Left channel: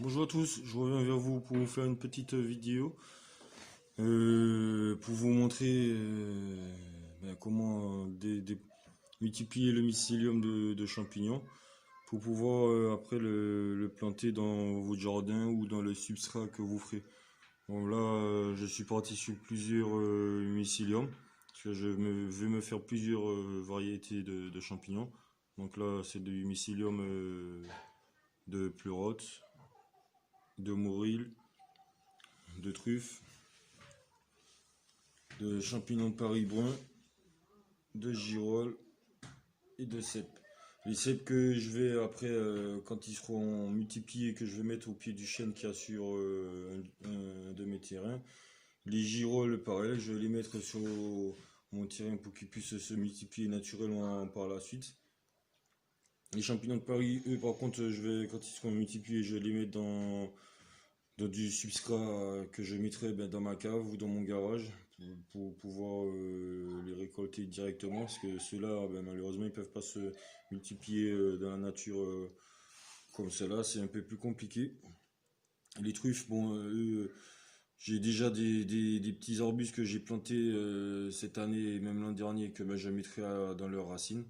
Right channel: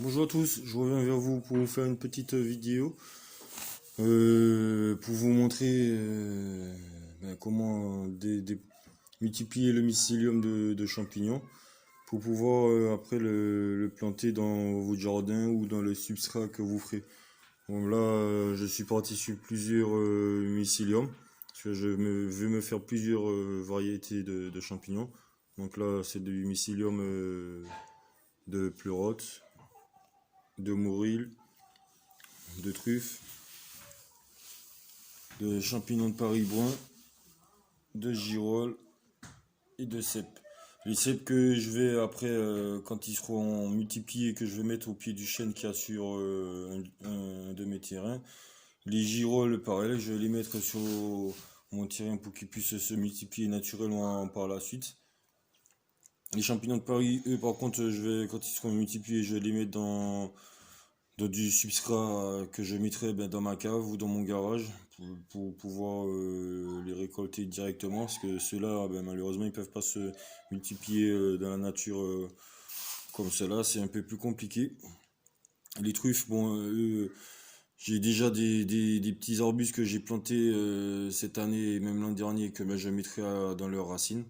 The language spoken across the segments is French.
Bonjour à tous, je reviens vers vous pour vous faire une petite vidéo pour vous montrer comment multiplier le mycélium de champignons pour pouvoir après le planter dans votre jardin ou dans le substrat que vous ferez. Bon, là, je suis parti sur plusieurs mycéliums parce que veux me faire plusieurs variétés de champignons. Donc là, c'est du mycélium de pleurote, de morille, de truffe, de champignons de Paris brun, de girolles et de cèpes. Les cèpes que je vais après, quand ils seront multipliés, que je vais mettre au pied du chêne qu'il y a sur un de mes terrains. Les girolles, pareil, je vais les mettre sur mon terrain pour qu'ils puissent se multiplier naturellement par la suite. Les champignons de Paris, eux, par contre, quand ils seront multipliés, je vais les mettre dans du substrat que je mettrai dans ma cave ou dans mon garage pour pouvoir les récolter directement parce que ceux-là malheureusement ils peuvent pas se multiplier dans la nature comme cela, c'est un peu plus compliqué. Les truffes, bon, j'ai déjà des petits arbustes que j'ai plantés cette année et même l'an dernier que je mettrai dans leurs racines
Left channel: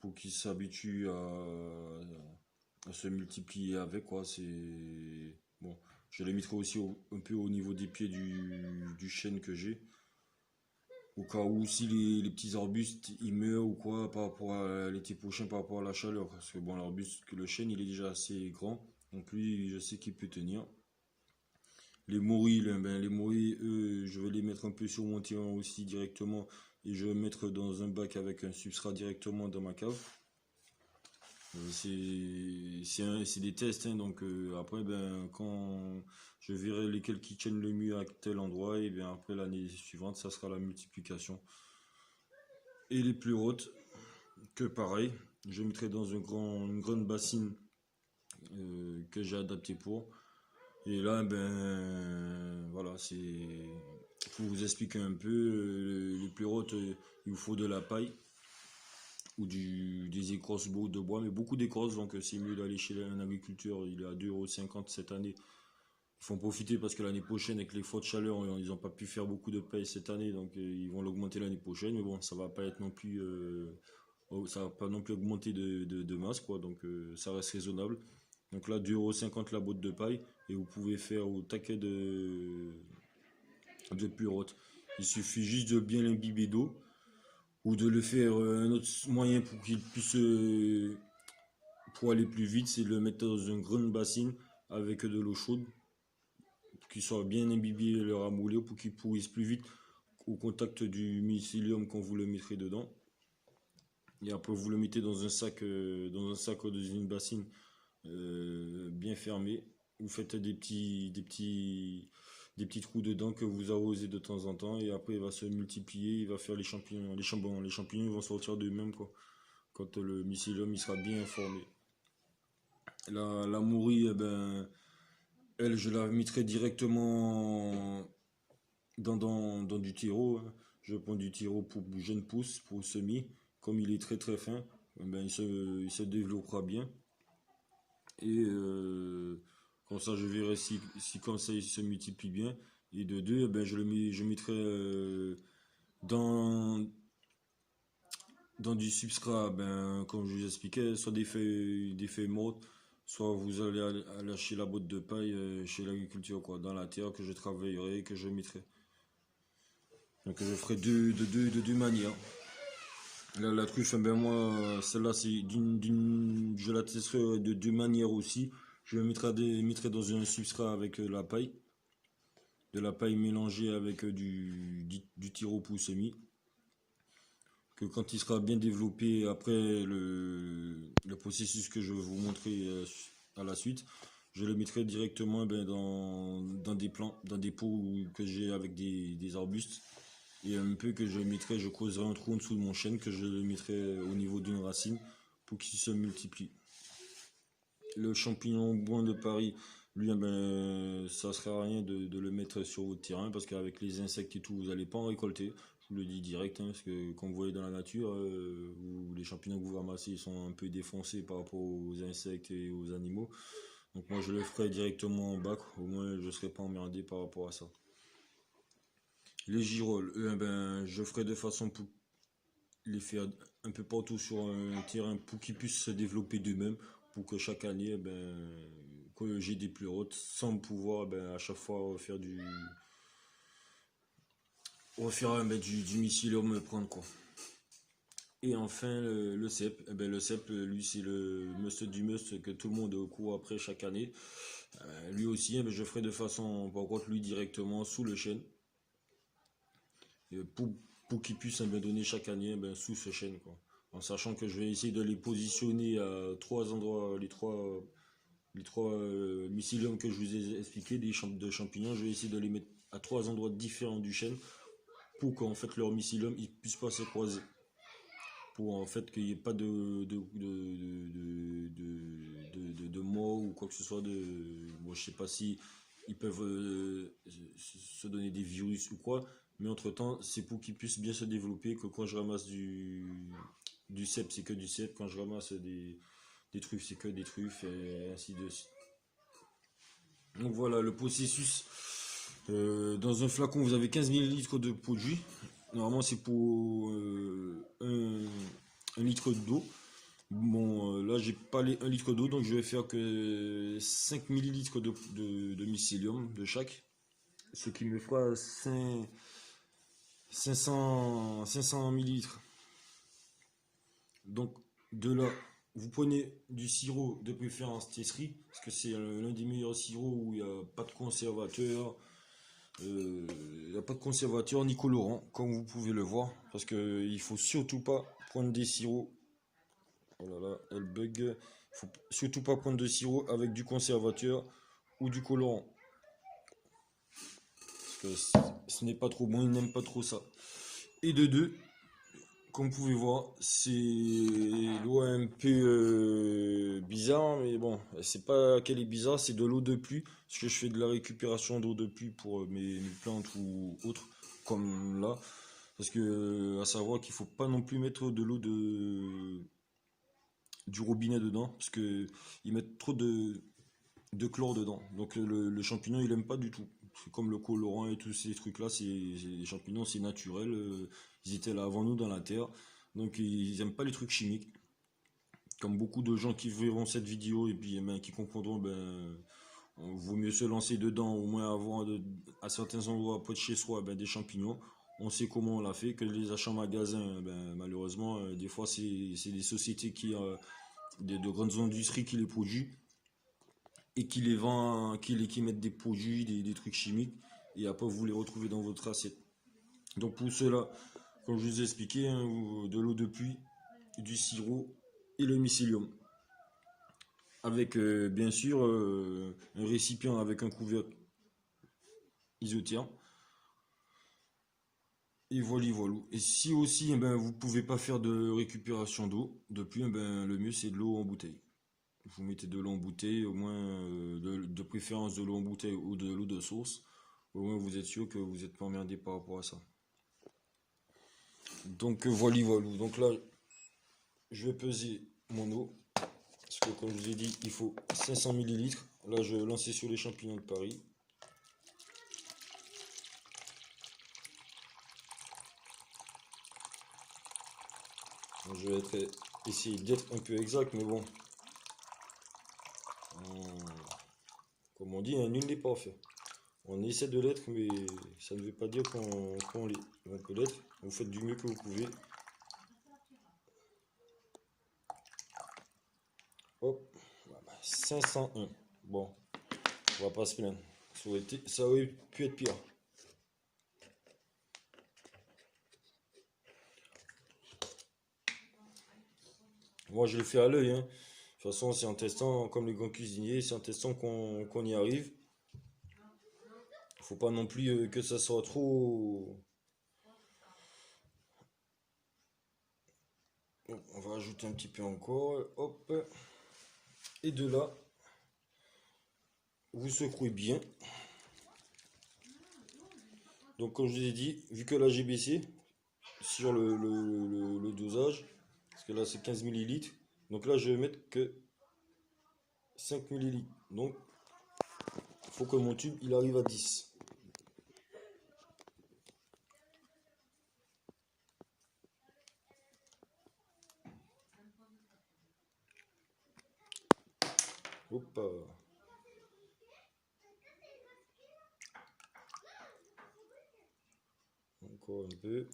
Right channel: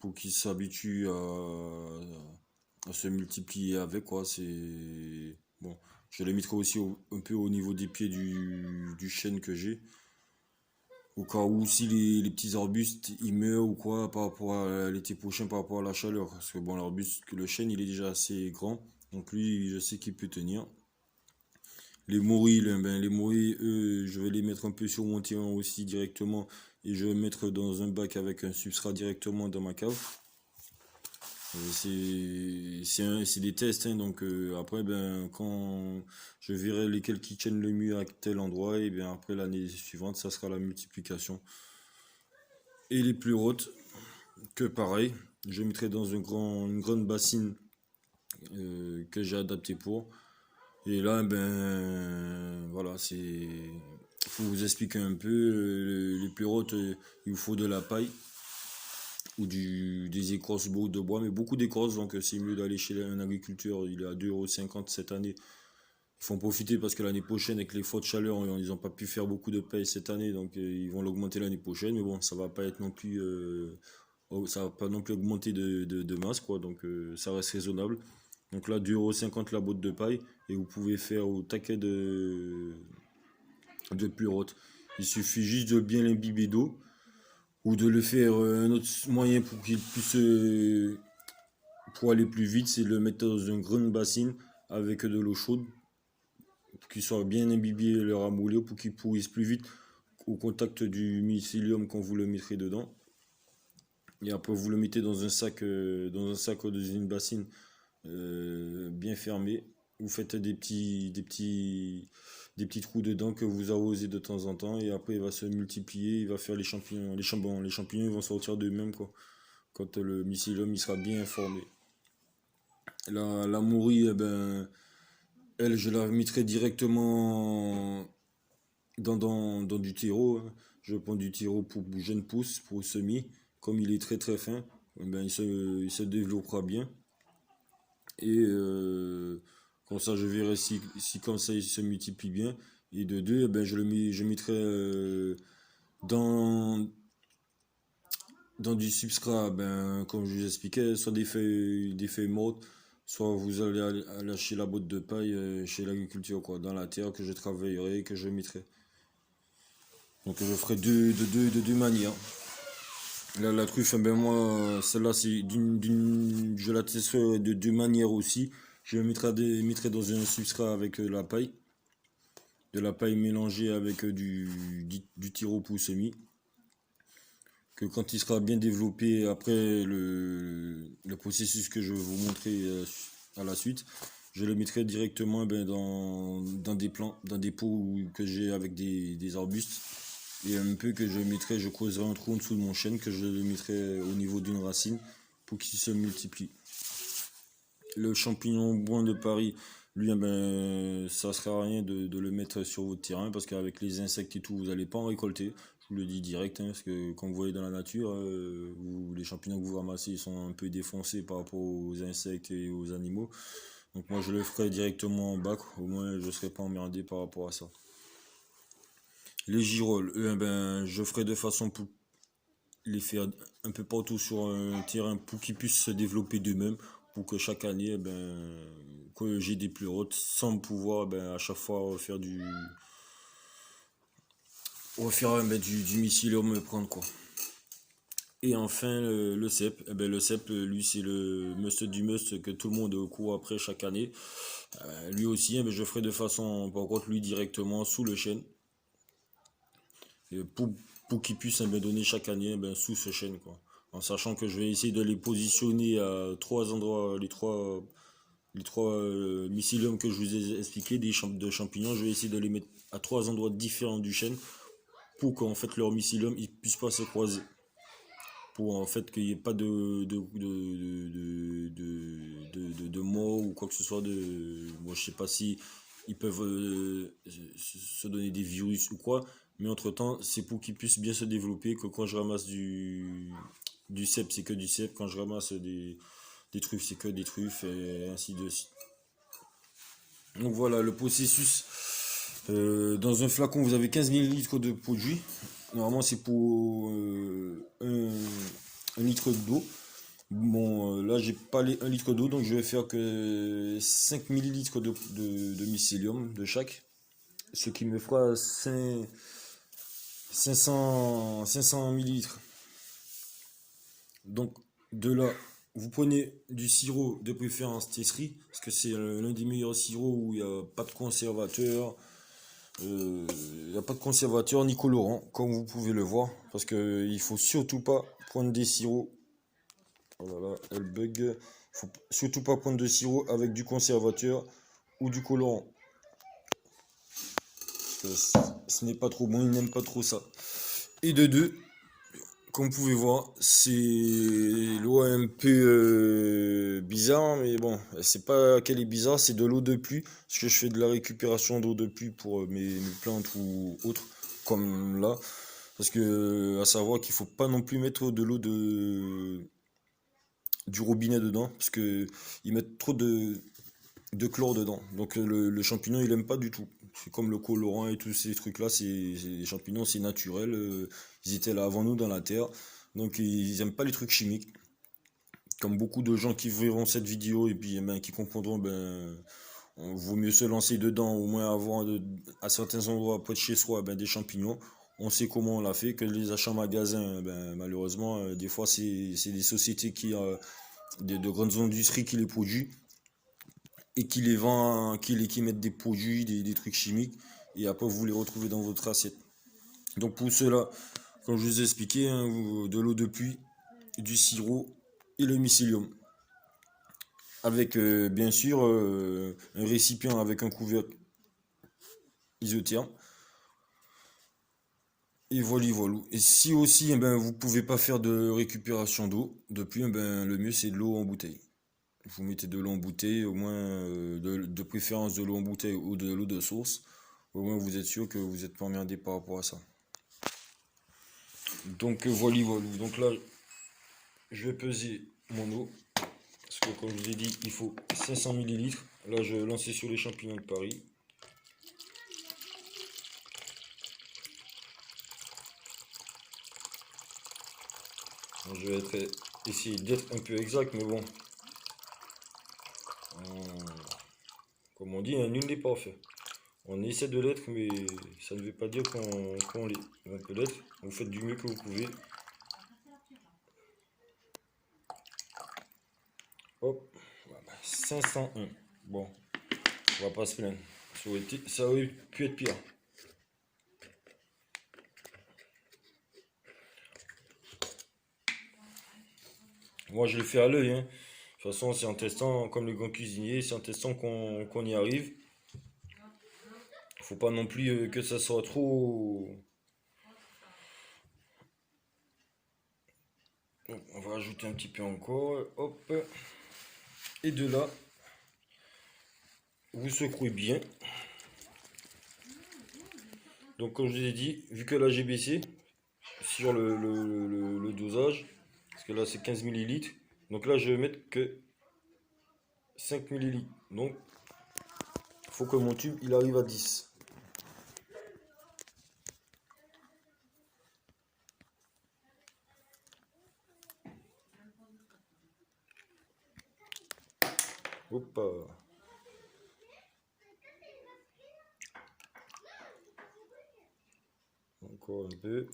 pour qu'ils s'habituent à se multiplier avec quoi. C'est bon. Je les mettrai aussi un peu au niveau des pieds du chêne que j'ai. Au cas où si les petits arbustes ils meurent ou quoi par rapport à l'été prochain par rapport à la chaleur. Parce que bon l'arbuste, le chêne il est déjà assez grand. Donc lui je sais qu'il peut tenir. Les morilles, les morilles, eux, je vais les mettre un peu sur mon terrain aussi directement. Et je vais mettre dans un bac avec un substrat directement dans ma cave. C'est des tests, hein, donc après, quand je verrai lesquels qui tiennent le mieux à tel endroit, et bien après l'année suivante, ça sera la multiplication. Et les plus hautes, que pareil, je mettrai dans une grande bassine que j'ai adaptée pour. Et là, voilà, faut vous expliquer un peu, les plus hautes, il vous faut de la paille ou des écorces de bois, mais beaucoup d'écorces, donc c'est mieux d'aller chez un agriculteur, il est à 2,50 € cette année. Il faut en profiter parce que l'année prochaine, avec les fortes chaleurs, ils n'ont pas pu faire beaucoup de paille cette année, donc ils vont l'augmenter l'année prochaine, mais bon, ça va pas être non plus, ça va pas non plus augmenter de masse, quoi, donc ça reste raisonnable. Donc là, 2,50 € la botte de paille, et vous pouvez faire au taquet de pleurote. Il suffit juste de bien l'imbiber d'eau, ou de le faire un autre moyen pour qu'il puisse pour aller plus vite, c'est de le mettre dans une grande bassine avec de l'eau chaude pour qu'il soit bien imbibé le ramolli pour qu'il pourrisse plus vite au contact du mycélium quand vous le mettrez dedans. Et après vous le mettez dans un sac ou dans une bassine bien fermé. Vous faites des petits trous dedans que vous arrosez de temps en temps et après il va se multiplier, il va faire les champignons. Les champignons vont sortir d'eux-mêmes quoi. Quand le mycélium il sera bien formé. La mourie, elle, je la mettrai directement dans du terreau, hein. Je prends du terreau pour jeune pousse, pour semis. Comme il est très très fin, il se développera bien. Et comme ça, je verrai si comme ça il se multiplie bien. Et de deux, je mettrai dans, dans du substrat, comme je vous expliquais, soit des feuilles mortes, soit vous allez lâcher la botte de paille chez l'agriculture, quoi, dans la terre que je travaillerai, que je mettrai. Donc je ferai de deux manières. Là, la truffe, moi, celle-là, je la testerai de deux manières aussi. Je mettrai dans un substrat avec de la paille mélangée avec du tiro-pou semi. Que quand il sera bien développé après le processus que je vais vous montrer à la suite, je le mettrai directement dans des plants, dans des pots que j'ai avec des arbustes. Et un peu que je creuserai un trou en dessous de mon chêne que je le mettrai au niveau d'une racine pour qu'il se multiplie. Le champignon brun de Paris, lui, ça ne sert à rien de le mettre sur votre terrain parce qu'avec les insectes et tout, vous n'allez pas en récolter. Je vous le dis direct, hein, parce que quand vous voyez dans la nature, les champignons que vous ramassez ils sont un peu défoncés par rapport aux insectes et aux animaux. Donc moi je le ferai directement en bac, au moins je serai pas emmerdé par rapport à ça. Les girolles, je ferai de façon pour les faire un peu partout sur un terrain pour qu'ils puissent se développer d'eux-mêmes, pour que chaque année, que j'ai des plus hautes, sans pouvoir à chaque fois refaire du mycélium me prendre quoi. Et enfin le cep, le cep lui c'est le must du must que tout le monde court après chaque année. Lui aussi, je ferai de façon, par contre lui directement sous le chêne, pour, pour qu'il puisse donner chaque année sous ce chêne quoi. En sachant que je vais essayer de les positionner à trois endroits, les trois mycéliums que je vous ai expliqué, de champignons, je vais essayer de les mettre à trois endroits différents du chêne pour qu'en fait leur mycélium ne puisse pas se croiser. Pour en fait qu'il n'y ait pas de mots ou quoi que ce soit moi je sais pas si ils peuvent se donner des virus ou quoi, mais entre temps c'est pour qu'ils puissent bien se développer, que quand je ramasse du cep c'est que du cep, quand je ramasse des truffes c'est que des truffes et ainsi de suite. Donc voilà le processus. Dans un flacon vous avez 15 millilitres de produit. Normalement c'est pour un litre d'eau. Bon, là j'ai pas les 1 litre d'eau, donc je vais faire que 5 millilitres de mycélium de chaque. Ce qui me fera 500 millilitres. Donc de là, vous prenez du sirop de préférence Tesserie, parce que c'est l'un des meilleurs sirops où il n'y a pas de conservateur. Il n'y a pas de conservateur ni colorant, comme vous pouvez le voir, parce que il faut surtout pas prendre des sirops. Voilà, elle bug. Il faut surtout pas prendre de sirop avec du conservateur ou du colorant. Ce n'est pas trop bon, ils n'aiment pas trop ça. Et de deux, comme vous pouvez voir, c'est l'eau un peu bizarre, mais bon, c'est pas qu'elle est bizarre, c'est de l'eau de pluie, parce que je fais de la récupération d'eau de pluie pour mes plantes ou autres, comme là. Parce que à savoir qu'il faut pas non plus mettre de l'eau du robinet dedans, parce que ils mettent trop de chlore dedans. Donc le champignon il aime pas du tout. C'est comme le colorant et tous ces trucs là, les champignons c'est naturel, ils étaient là avant nous dans la terre, donc ils aiment pas les trucs chimiques. Comme beaucoup de gens qui verront cette vidéo et puis qui comprendront, on vaut mieux se lancer dedans, au moins avoir à certains endroits près de chez soi des champignons. On sait comment on l'a fait, que les achats en magasin, malheureusement, des fois c'est des sociétés de grandes industries qui les produisent et qui les vendent, qui mettent des produits, des trucs chimiques, et après vous les retrouvez dans votre assiette. Donc pour cela, comme je vous ai expliqué, de l'eau de pluie, du sirop et le mycélium. Avec bien sûr un récipient avec un couvercle isotherme. Et voilà, voilà. Et si aussi vous pouvez pas faire de récupération d'eau de pluie, le mieux c'est de l'eau en bouteille. Vous mettez de l'eau en bouteille, au moins de préférence de l'eau en bouteille ou de l'eau de source. Au moins vous êtes sûr que vous n'êtes pas emmerdé par rapport à ça. Donc voilà, voilà. Donc là, je vais peser mon eau. Parce que comme je vous ai dit, il faut 500 millilitres. Là, je lance sur les champignons de Paris. Je vais essayer d'être un peu exact, mais bon. Comme on dit, nul n'est parfait. On essaie de l'être, mais ça ne veut pas dire qu'on l'est. On peut l'être, vous faites du mieux que vous pouvez. Hop, voilà, 501. Bon, on va pas se plaindre. Ça aurait pu être pire. Moi, je l'ai fait à l'œil. Hein. De toute façon, c'est en testant, comme les grands cuisiniers, c'est en testant qu'on y arrive. Faut pas non plus que ça soit trop. On va ajouter un petit peu encore. Hop. Et de là, vous secouez bien. Donc comme je vous ai dit, vu que là j'ai baissé sur le dosage, parce que là c'est 15 millilitres, donc là je vais mettre que 5 millilitres. Donc, il faut que mon tube, il arrive à 10. Hop. Encore un peu.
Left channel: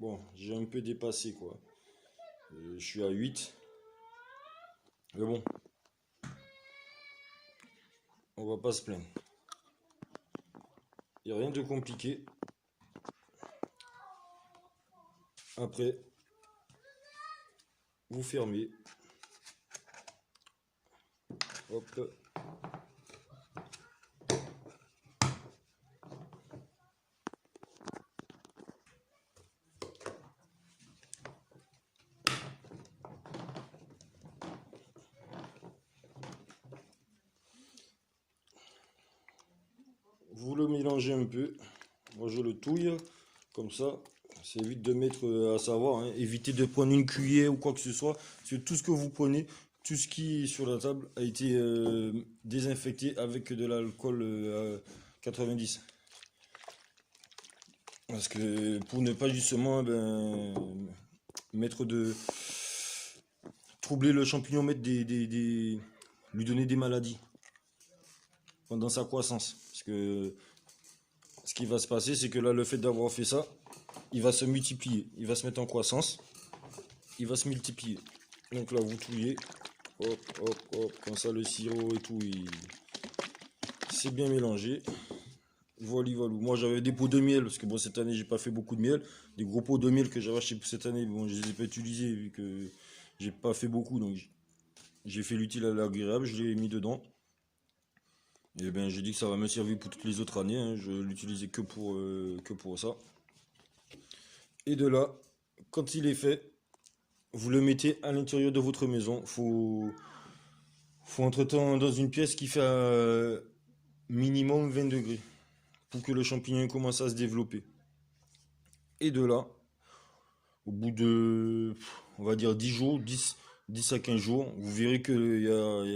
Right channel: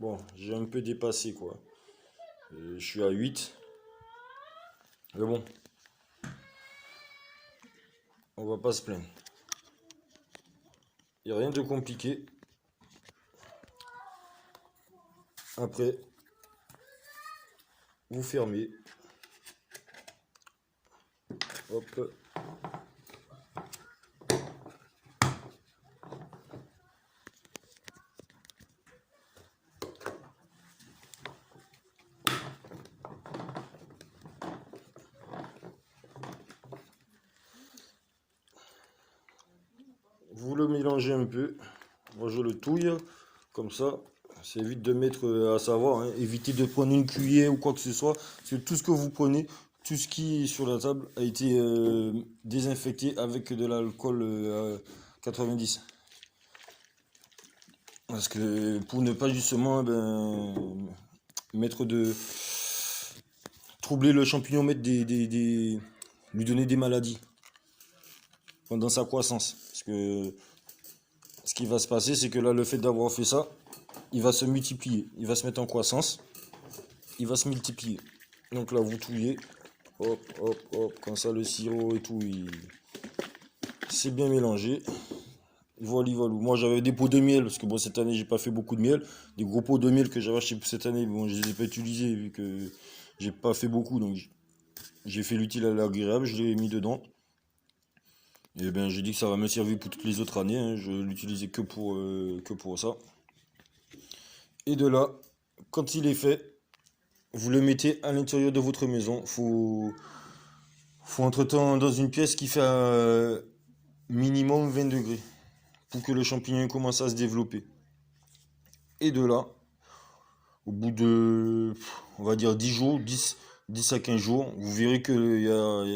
Bon, j'ai un peu dépassé, quoi. Je suis à 8. Mais bon, on va pas se plaindre. Il n'y a rien de compliqué. Après, vous fermez. Hop. Vous le mélangez un peu. Moi, je le touille. Comme ça, c'est évite de mettre à savoir. Hein. Évitez de prendre une cuillère ou quoi que ce soit. Parce que tout ce que vous prenez, tout ce qui est sur la table a été désinfecté avec de l'alcool 90. Parce que pour ne pas justement mettre de troubler le champignon, mettre lui donner des maladies pendant sa croissance. Parce que ce qui va se passer, c'est que là, le fait d'avoir fait ça, il va se multiplier. Il va se mettre en croissance. Il va se multiplier. Donc là, vous touillez. Hop, hop, hop. Comme ça, le sirop et tout, c'est bien mélangé. Voilà, voilà. Moi, j'avais des pots de miel, parce que bon, cette année, j'ai pas fait beaucoup de miel. Des gros pots de miel que j'avais acheté cette année, bon, je les ai pas utilisés, vu que j'ai pas fait beaucoup. Donc, j'ai fait l'utile à l'agréable, je l'ai mis dedans. Et ben, j'ai dit que ça va me servir pour toutes les autres années. Hein. Je l'utilisais que pour ça. Et de là, quand il est fait, vous le mettez à l'intérieur de votre maison. Faut entre-temps dans une pièce qui fait minimum 20 degrés pour que le champignon commence à se développer. Et de là, au bout de, on va dire 10 jours, 10 à 15 jours, vous verrez qu'il y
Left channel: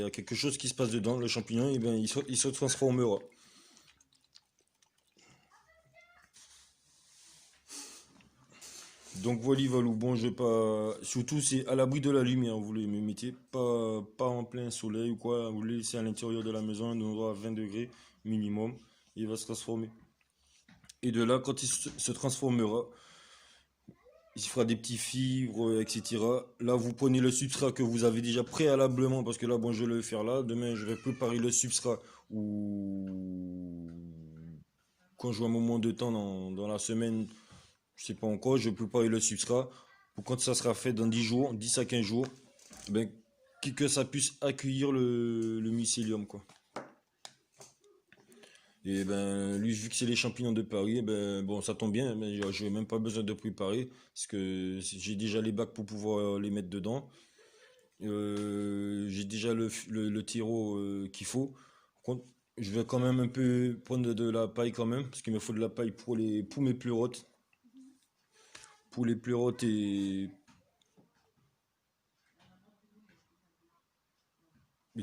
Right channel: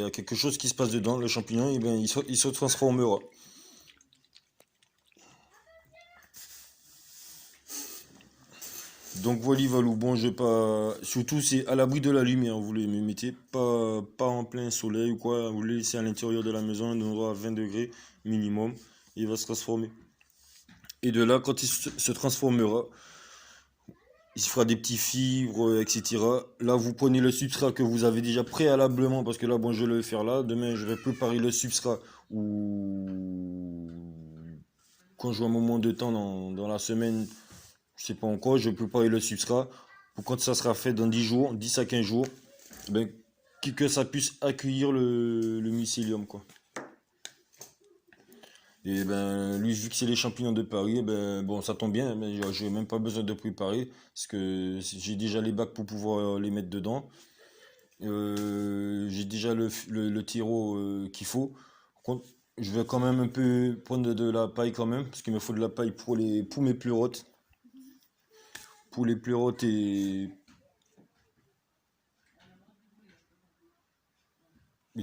a quelque chose qui se passe dedans. Le champignon, et bien, il se transformera. Donc voilà, Valou. Bon, je vais pas. Surtout, c'est à l'abri de la lumière. Vous les mettez pas en plein soleil ou quoi. Vous les laissez à l'intérieur de la maison, un endroit à 20 degrés minimum. Il va se transformer. Et de là, quand il se transformera, il se fera des petits fibres, etc. Là, vous prenez le substrat que vous avez déjà préalablement, parce que là, bon, je vais le faire là. Demain, je vais préparer le substrat ou quand j'ai un moment de temps dans la semaine, je sais pas encore, je vais préparer le substrat pour quand ça sera fait dans 10 jours, 10 à 15 jours, ben, que ça puisse accueillir le mycélium, quoi. Et ben, lui, vu que c'est les champignons de Paris, ben, bon, ça tombe bien, mais j'ai même pas besoin de préparer, parce que j'ai déjà les bacs pour pouvoir les mettre dedans. J'ai déjà le terreau qu'il faut. Je vais quand même un peu prendre de la paille quand même, parce qu'il me faut de la paille pour mes pleurotes. Pour les pleurotes et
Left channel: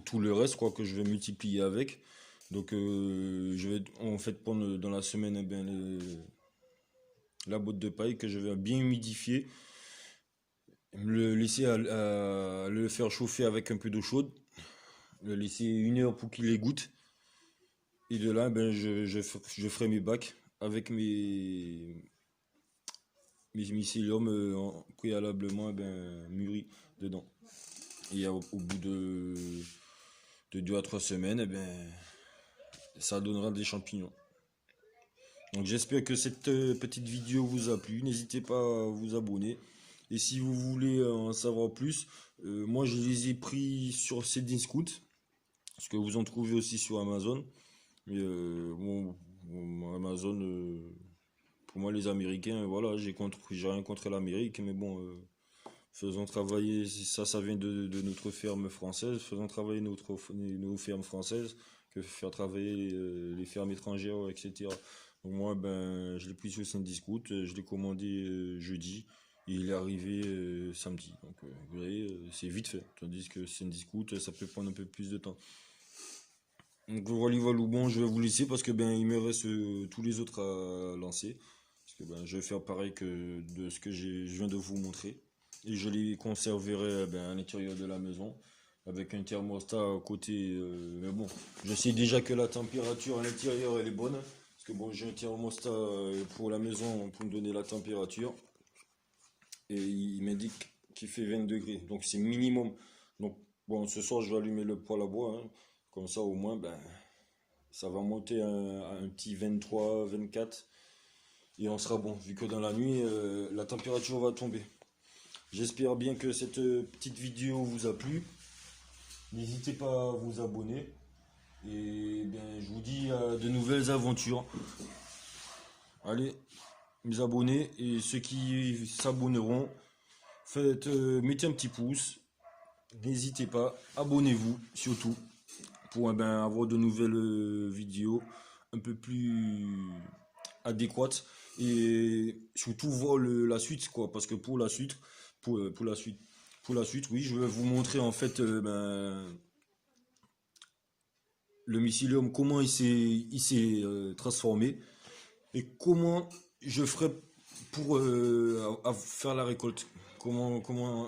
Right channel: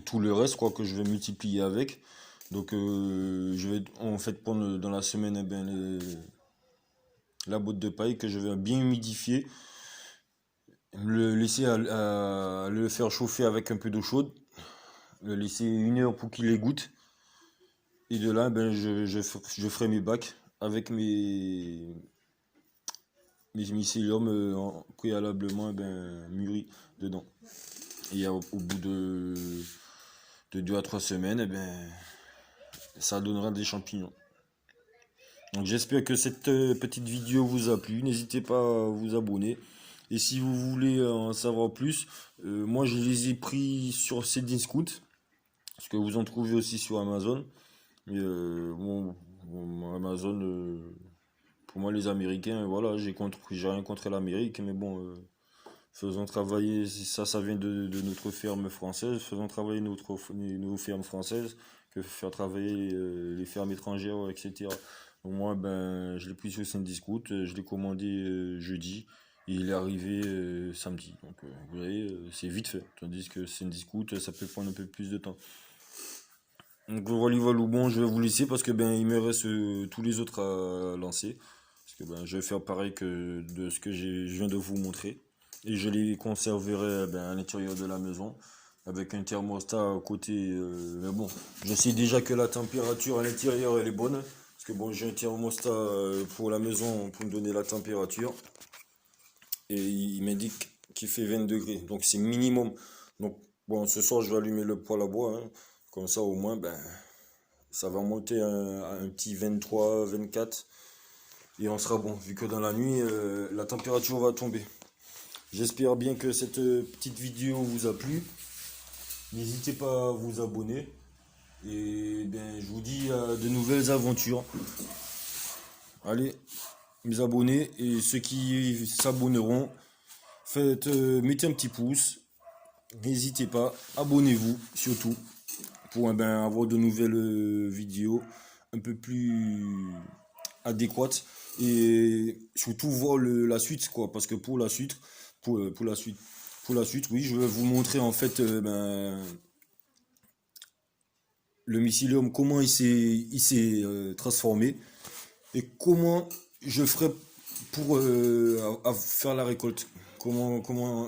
tout le reste, quoi, que je vais multiplier avec. Donc, je vais en fait prendre dans la semaine la botte de paille que je vais bien humidifier, le laisser à le faire chauffer avec un peu d'eau chaude, le laisser 1 heure pour qu'il égoutte. Et de là, ben, je ferai mes bacs avec mes mycéliums préalablement mûris dedans. Et au bout de 2 à 3 semaines, ça donnera des champignons. Donc j'espère que cette petite vidéo vous a plu. N'hésitez pas à vous abonner. Et si vous voulez en savoir plus, moi je les ai pris sur Cdiscount, parce que vous en trouvez aussi sur Amazon. Et, Amazon, pour moi les Américains, voilà, j'ai rien contre l'Amérique, mais bon, faisons travailler, ça vient de notre ferme française, faisons travailler nos fermes françaises que faire travailler les fermes étrangères, etc. Donc moi, ben, je l'ai pris sur Saint-Discoute, je l'ai commandé jeudi, Il est arrivé samedi. Donc, vous voyez, c'est vite fait. Tandis que c'est une discount, ça peut prendre un peu plus de temps. Donc voilà, voilà, bon, je vais vous laisser parce que ben il me reste tous les autres à lancer. Parce que ben je vais faire pareil que de ce que je viens de vous montrer. Et je les conserverai ben, à l'intérieur de la maison. Avec un thermostat à côté. Mais bon, je sais déjà que la température à l'intérieur elle est bonne. Parce que bon, j'ai un thermostat pour la maison pour me donner la température. Et il m'indique qu'il fait 20 degrés. Donc c'est minimum. Donc bon, ce soir je vais allumer le poêle à bois, hein. Comme ça au moins ben ça va monter à un petit 23, 24. Et on sera bon, vu que dans la nuit, la température va tomber. J'espère bien que cette petite vidéo vous a plu. N'hésitez pas à vous abonner. Et bien, je vous dis à de nouvelles aventures. Allez, mes abonnés et ceux qui s'abonneront, faites, mettez un petit pouce. N'hésitez pas, abonnez-vous surtout pour ben, avoir de nouvelles vidéos un peu plus adéquates et surtout voir la suite quoi, parce que pour la suite pour la suite oui, je vais vous montrer en fait ben, le mycélium, comment il s'est transformé et comment je ferai pour à faire la récolte. Comment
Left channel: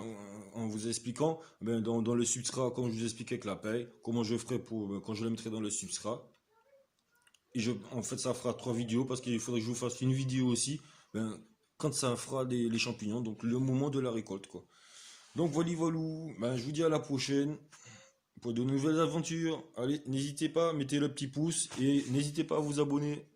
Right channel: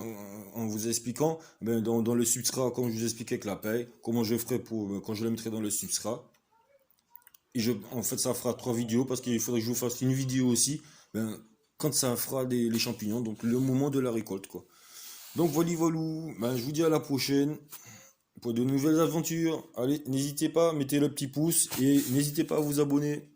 en vous expliquant, ben dans le substrat, comme je vous expliquais avec la paille, comment je ferai pour quand je le mettrai dans le substrat. Et en fait, ça fera 3 vidéos parce qu'il faudrait que je vous fasse une vidéo aussi ben, quand ça fera les champignons, donc le moment de la récolte, quoi. Donc voilà, voilà. Ben, je vous dis à la prochaine pour de nouvelles aventures. Allez, n'hésitez pas, mettez le petit pouce et n'hésitez pas à vous abonner.